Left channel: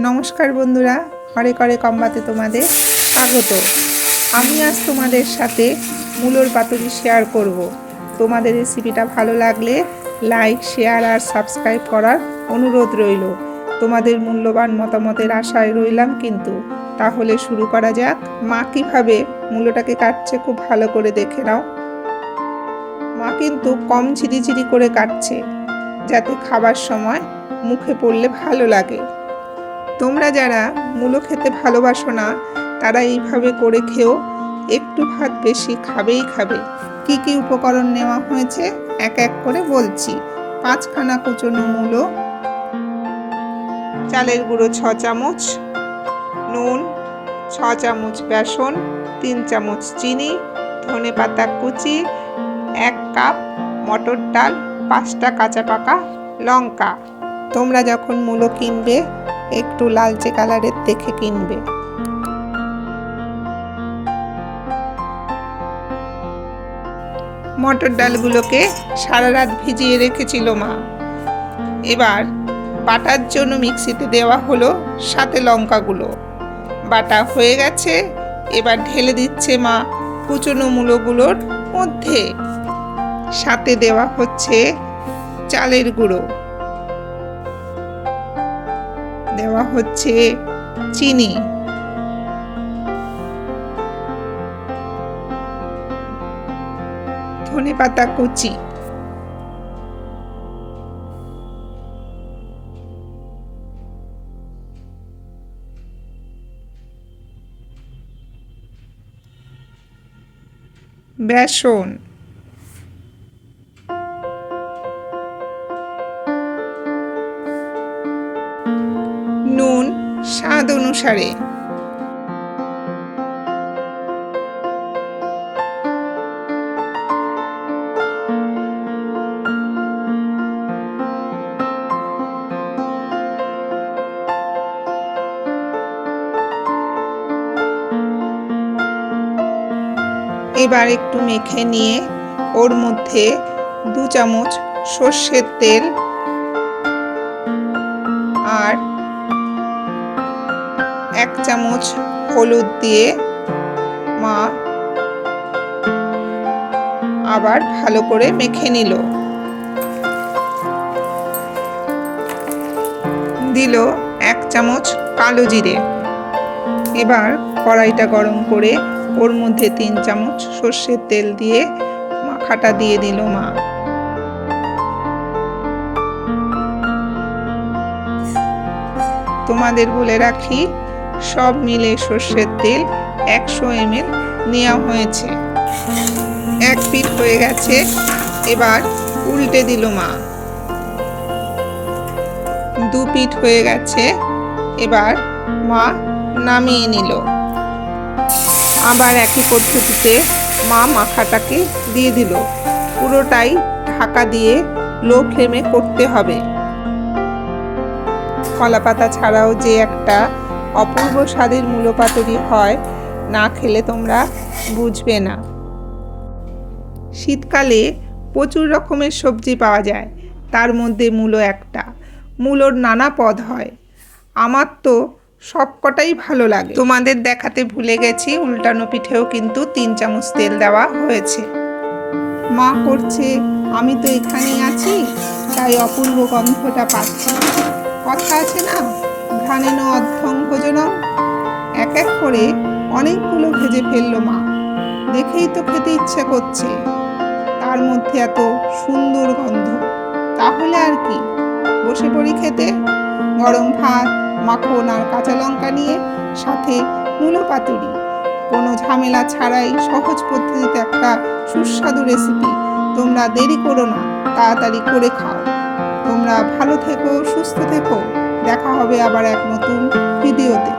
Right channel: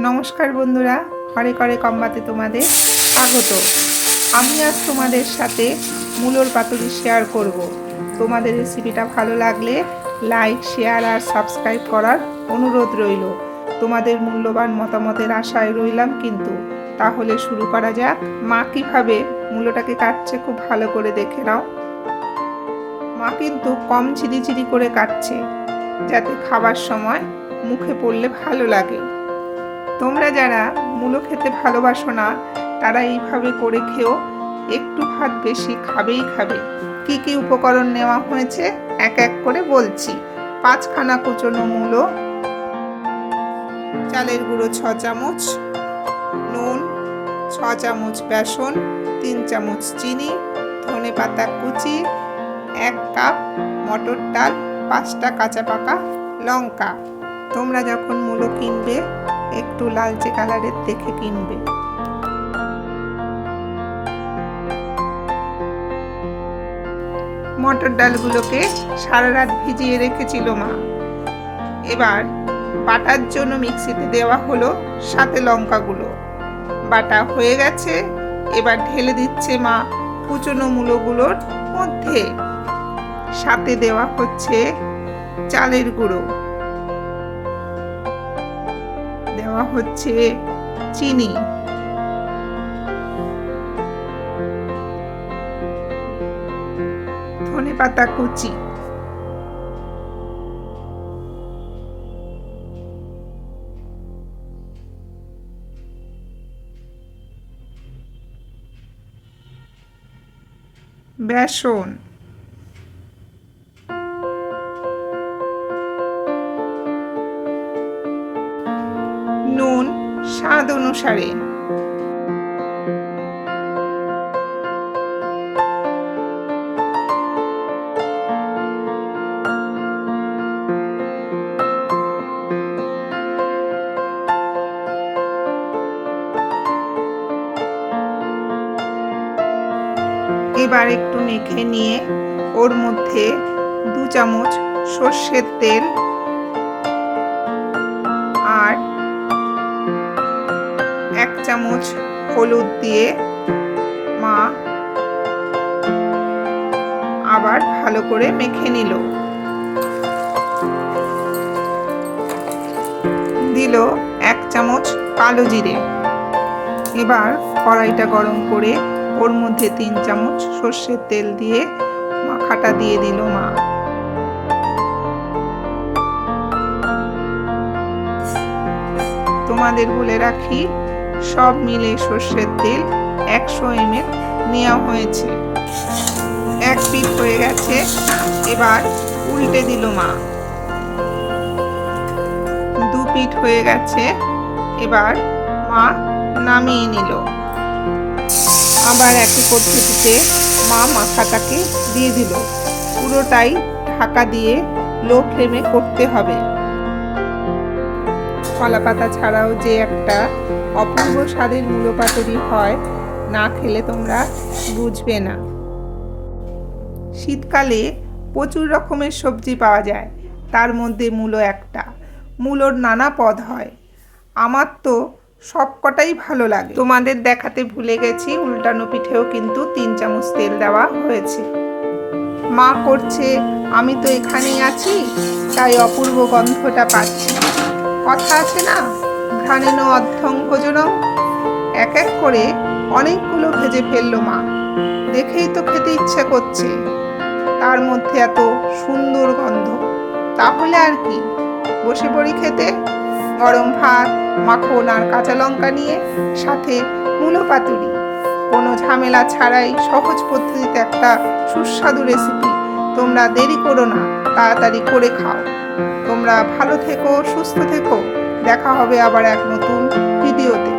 নমস্কার বন্ধুরা, হরে করে কম্বাতে তোমাদের স্বাগত। আমি আজ তোমাদের সাথে মূলোর পাতুরি শেয়ার করব। তোমাদের রেসিপিটা ভালো লাগলে লাইক, শেয়ার আর সাবস্ক্রাইব করার অনুরোধ রইল। তোমাদের মূল্যবান মতামতের আশায় রইলাম। কিন্তু তাহলে শুরু করা যাক। মা কীভাবে মূলোটাকে কাটছে খুব ভালো করে দেখে নাও। মা কিন্তু কম ঝিরিঝিরি করে কাটছে, যাতে খাবার সময় মুখে পড়লে ভালো লাগে। তোমরা যারা মূলো খেতে ভালোবাসো না, তারা এইভাবে করে খেও, একটু ভাত বেশি খাবেই খাবে। কি কি উপকরণ নেওয়া হয়েছে এক এক করে বলছি। 5খানা কুচনো মূলো, চালের গুঁড়ো 6 চামচ, নুন 6 চামচ, বেসন 3 চামচ, চিনি, ধনেপাতা কুচি 1 কাপ, মটর ডাল 5টা কাঁচা পাকা লঙ্কা। তোমরা যখন মূলো কিনবে একটু লালচে কালারের দেখে কিনবে। মটর ডালগুলোকে সারা রাত ভিজিয়ে রেখেছিল মা। এবার বাটার জন্য মিক্সিতে দেওয়া হলো, সাথে লঙ্কাগুলো বাটা হয়ে গেছে। এবার ঢেলে দিচ্ছে মা কুচনো মূলোগুলোর মধ্যে। সাথে দেওয়া হচ্ছে চালের গুঁড়ো, দেওয়া হচ্ছে চিনি, ধনেপাতা কুচি, বেসন, নুন স্বাদ অনুসারে, এবার একটু মেখে নিয়ে ওর মধ্যে 2 চামচ সর্ষের তেল আর 1 চামচ হলুদ দিয়ে মা আবার ভালো করে মেখে নিল। দিল 1 চামচ কালো জিরে। এবার কড়াইটা গরম করে ওর মধ্যে 3 চামচ সর্ষের তেল দিয়ে মাখাটা দিয়ে দিল মা। তোমাদের বলে রাখি, সব মিলে সর্ষের তেল 100 ml নেওয়া হয়েছে। 1 পিঠ হয়ে গেছে, এবার উল্টে দিল মা। 2 পিঠ হয়ে গেছে, এবার মা নামিয়ে নিল। আবার একই পদ্ধতিতে মা মাখাটাকে দিয়ে দিল। পুরোটাই ঢাকা দিয়ে লো ফ্লেমে করতে হবে। কলা পাতা ছাড়াও যে একটা অপূর্ব স্বাদের মূলো পাতুরি হয়, না খেলে তোমরা বুঝবে না। শীতকালে প্রচুর রকমের সবজি পাওয়া যায়, তার মধ্যে মূলো একটা। মূলোর নানা পদ হয়, আমার তো সবকটাই ভালো লাগে। তোমাদের দেখাতে ভুলে গেছি, উল্টানো পিঠেও কিন্তু 3 চামচ তেল দেওয়া হয়েছে। মা করছে, আমি তো এখানেই আছি, তাই অপূর্ব গন্ধটা পাচ্ছি। কথা আছে না, ঘ্রাণেন অর্ধং ভোজনম। এক এক করে অনেকগুলো ভেজে ফেললো মা। দেখেই তো খেতে ইচ্ছে করছে, তার মধ্যে এত সুন্দর গন্ধ। তাহলে আর কি, বসে পড়ি খেতে। গরম ভাত, মাখন আর কাঁচা লঙ্কা নিয়ে, সাথে মূলো পাতুরি। কোনো ঝামেলা ছাড়াই সহজ পদ্ধতিতে একটা সুস্বাদু রেসিপি। তোমরা দেরি করো না, তাড়াতাড়ি করে খাও। তোমরা ভালো থেকো, সুস্থ থেকো। দেখা হবে আবার এক নতুন ভিডিওতে।